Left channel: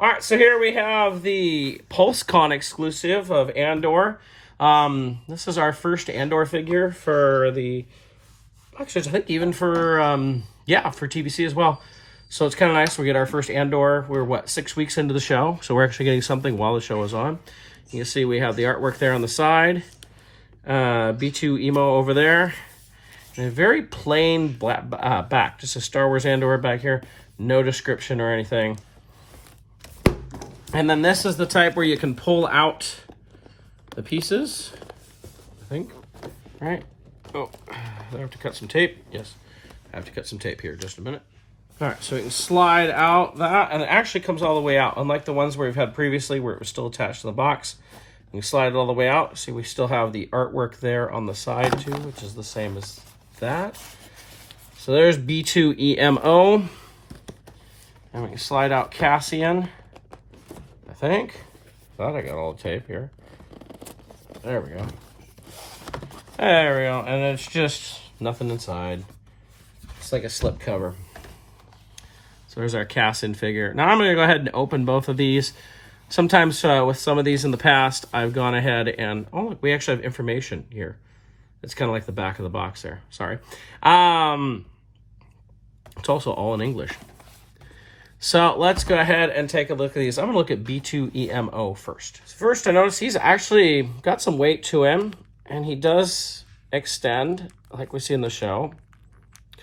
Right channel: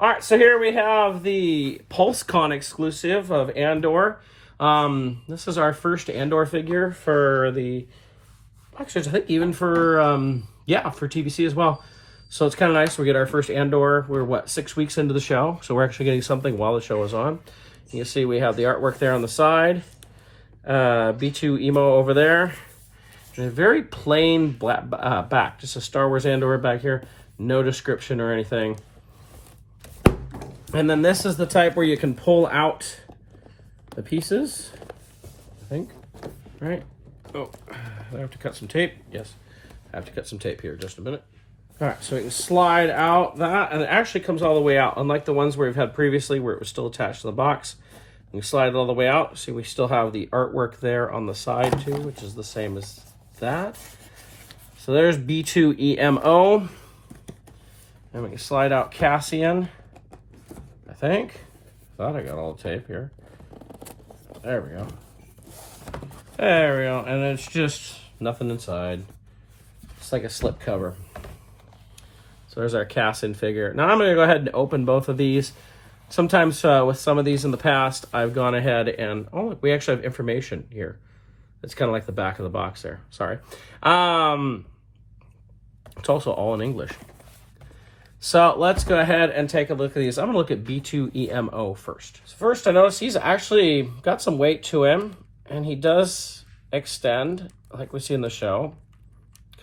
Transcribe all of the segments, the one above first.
All right, so here we have the PulseCon exclusive of Andor. This is our first Andor figure for the, actually, I think even for, for TBC as well. So it's kind of nice. We get our first Andor. We're, 6 weeks into the show, so we're actually getting something while the show is on. You can see we have the artwork there on the side. B2-EMO over there. And a very plain black back. Just a Star Wars Andor back here. No description or anything. And then this is the type where you can pull out the pieces, I think, right? Oh, I have to cut some tape. Yes, I have to cut some tape here. Just a minute. All right, so we can slide out that, and it actually comes all the way out, unlike the ones where we've had previously where it was still attached to the box. We slide it all the way out. See, we still have the artwork there on the side too, which is the same as that. So there's B2-EMO. And we can slide out Cassian. I think. Thought I got all the tape here. There we go. There we go. And it's just nothing inside. It's like a slip cover. So there's our Cassian figure. Now I'm going to go ahead and open both of these. Sometimes with some of these in the past, I've gone ahead and... Oh, we actually have information here. It's kind of like the back of the box there. Sorry. It's also all in English. So let's go ahead and take a look at these. I'm going to look at B2-EMO first. First, I notice he's actually got some weight to him, and he does extend, like we see in the show.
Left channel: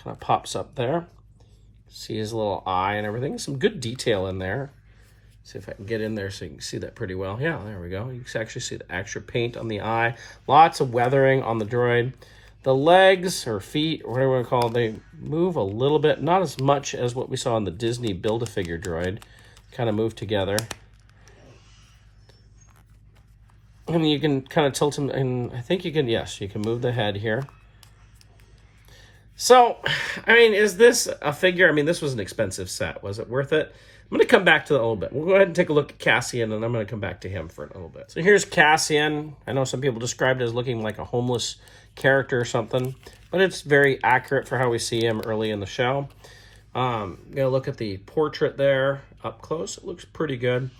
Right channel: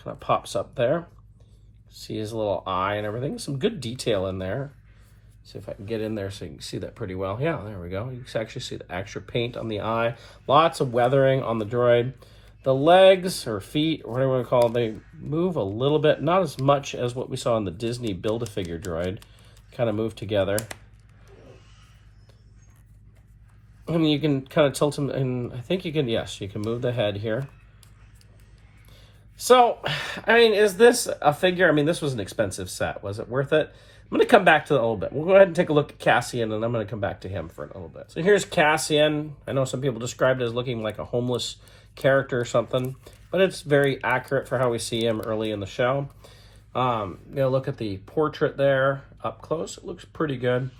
Kind of pops up there. See his little eye and everything. Some good detail in there. See if I can get in there so you can see that pretty well. Yeah, there we go. You can actually see the extra paint on the eye. Lots of weathering on the droid. The legs or feet, or whatever you want to call it, they move a little bit. Not as much as what we saw in the Disney Build-A-Figure droid. Kind of move together. And you can kind of tilt them, and I think you can, yes, you can move the head here. So, I mean, is this a figure? I mean, this was an expensive set. Was it worth it? I'm going to come back to that a little bit. We'll go ahead and take a look at Cassian, and I'm going to come back to him for a little bit. So here's Cassian. I know some people described it as looking like a homeless character or something, but it's very accurate for how we see him early in the show. Look at the portrait there up close. It looks pretty good.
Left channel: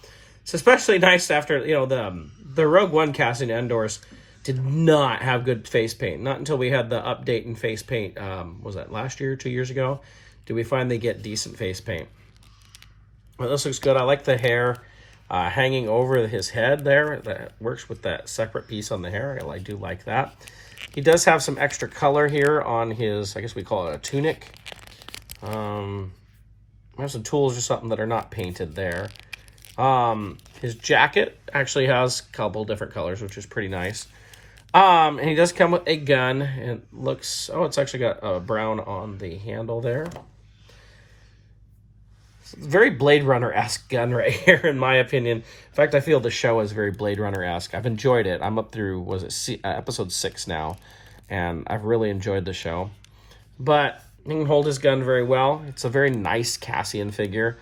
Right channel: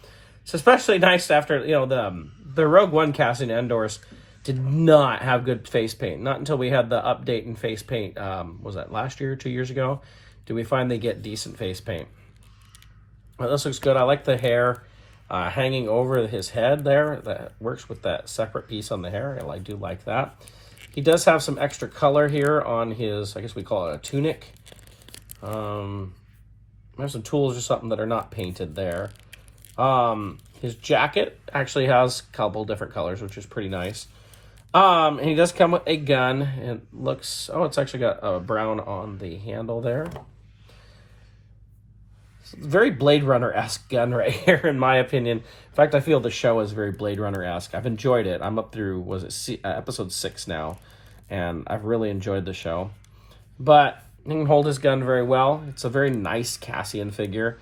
It's especially nice after, the Rogue One Cassian Andors did not have good face paint. Not until we had the update in face paint, was that last year, 2 years ago, did we finally get decent face paint. Well, this looks good. I like the hair hanging over his head there. That works with that separate piece on the hair. I do like that. He does have some extra color here on his, I guess we call it a tunic. I have some tools or something that are not painted there. His jacket actually has a couple different colors, which is pretty nice. And he does come with a gun. It looks, it's actually got a brown on the handle there. It's a very Blade Runner-esque gun right here, in my opinion. In fact, I feel the show is very Blade Runner-esque. I've enjoyed it. I'm up through, episode 6 now, and I've really enjoyed the show. But he can hold his gun very well. It's a very nice Cassian figure.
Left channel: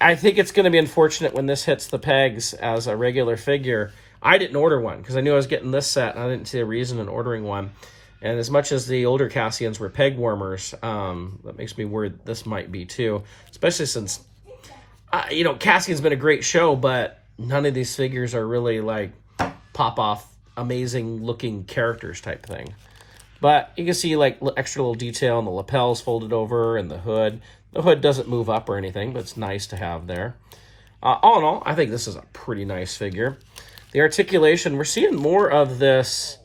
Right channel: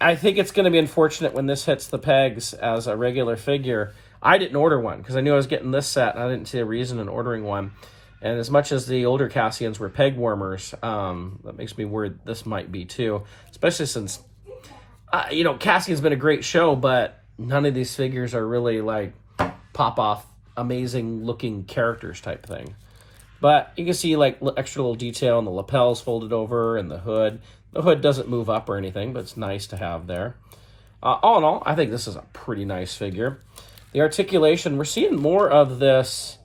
I think it's going to be unfortunate when this hits the pegs as a regular figure. I didn't order one because I knew I was getting this set, and I didn't see a reason in ordering one. And as much as the older Cassians were peg warmers, that makes me worried this might be too. Especially since, Cassian's been a great show, but none of these figures are really like pop-off, amazing-looking characters type thing. But you can see like extra little detail in the lapels folded over and the hood. The hood doesn't move up or anything, but it's nice to have there. All in all, I think this is a pretty nice figure. The articulation, we're seeing more of this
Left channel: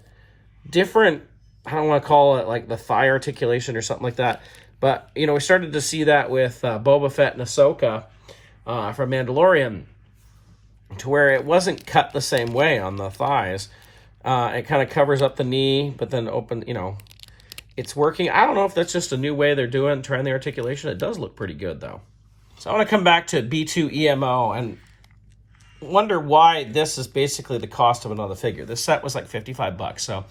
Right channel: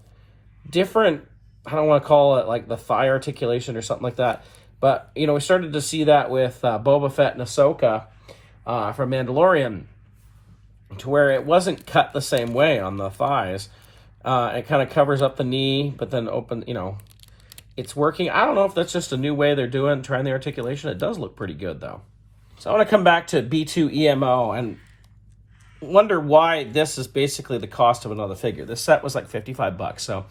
different, I don't want to call it like the thigh articulation or something like that. But, we started to see that with Boba Fett and Ahsoka from Mandalorian, to where it wasn't cut the same way on the thighs. It kind of covers up the knee, but then it's working. I don't know if that's just a new way they're trying the articulation. It does look pretty good, though. So I want to come back to B2-EMO and wonder why this is basically the cost of another figure. This set was like $55, so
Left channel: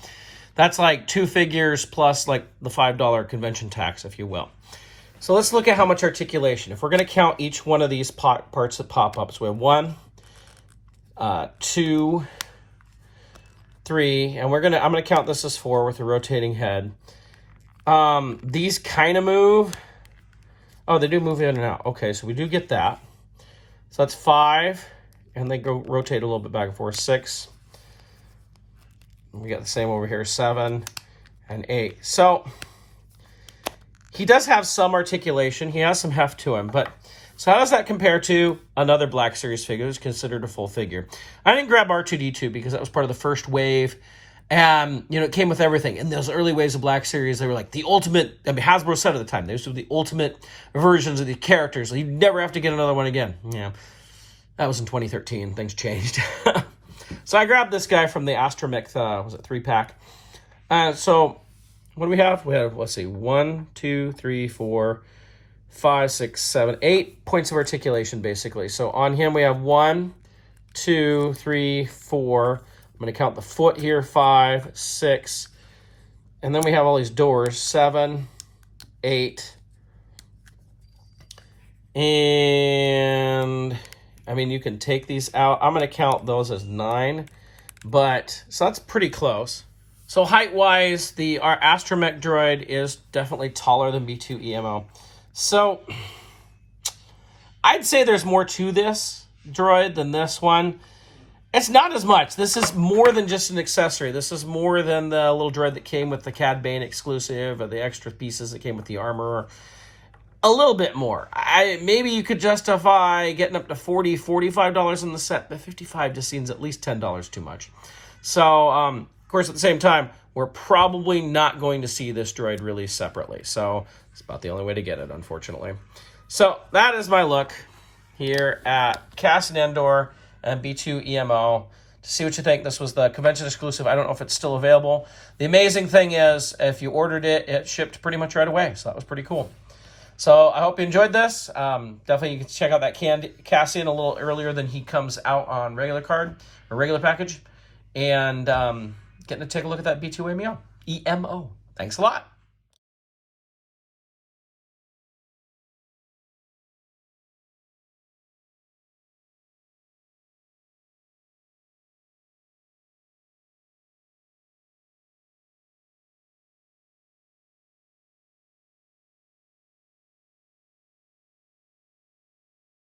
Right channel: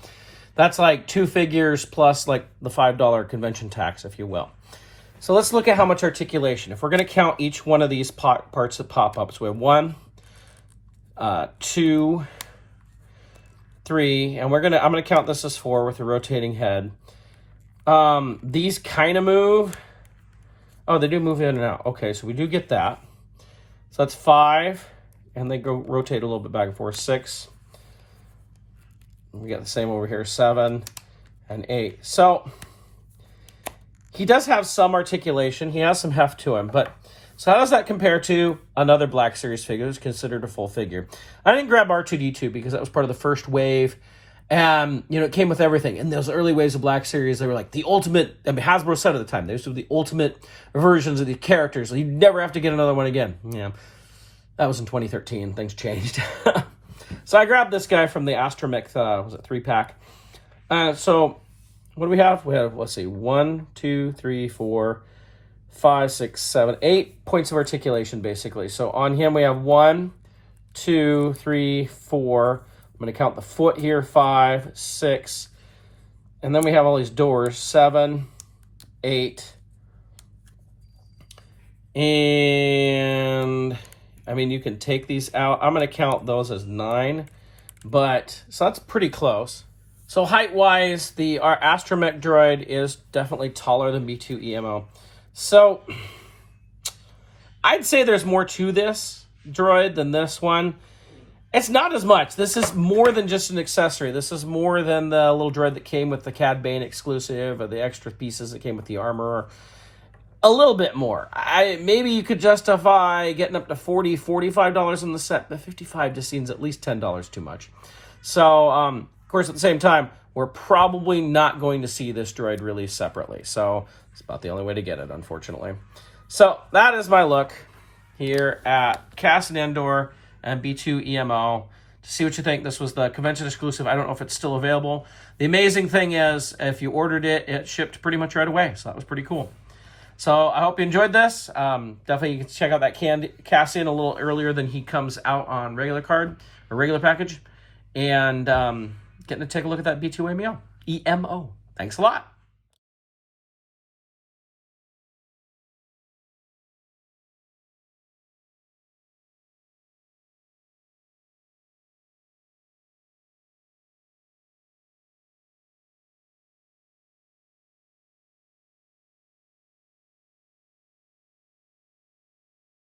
that's like 2 figures plus like the $5 convention tax, if you will. So let's look at how much articulation. If we're going to count each one of these parts that pop up, so we have 1, 2, 3, and I'm going to count this as 4 with a rotating head. These kind of move. Oh, they do move in and out. Okay, so we do get that. So that's 5, and they go rotate a little bit back and forth. 6. We got the same over here, 7 and 8. So he does have some articulation. He has some heft to him, but so how does that compare to another Black Series figure that's considered a full figure? I didn't grab R2-D2 because that was part of the first wave, and it came with everything. In those early waves of Black Series, they were like the ultimate. I mean, Hasbro said at the time these were the ultimate versions of the characters. You'd never have to get another one again. Yeah, that was in 2013. Things changed. So I grabbed this guy from the Astromech, was it 3-pack? So what do we have? We have, let's see, 1, 2, 3, 4, 5, 6, 7, 8 points of articulation, basically. So on him we have 1, 2, 3, 4. I'm going to count the foot here, 5, 6. And then we have all these doors, 7, 8. And I mean, you can take these out. I'm going to count those as 9, so that's pretty close. So height-wise, our Astromech droid is definitely taller than B2-EMO. So I'd say there's more to this droid than this one. It's not as much. This is more than just an accessory. This is more than the little droid that came with the Cad Bane exclusive or the extra pieces that came with the armor. A little bit more. Maybe you could justify getting up to $40, $45 in the set, but $55 just seems at least $10 too much. So, of course, at the same time, we're probably not going to see this droid released separately. So it's about the only way to get it, unfortunately. So that is my look here at Cassian Andor and B2-EMO. To see what you think. This was the convention exclusive. I don't know if it's still available. The amazing thing is, if you ordered it, it shipped pretty much right away. So that was pretty cool. So I hope you enjoyed this. Definitely you can check out that Cassian a little earlier than he comes out on regular card or regular package. And getting to take a look at that B2-EMO. Thanks a lot.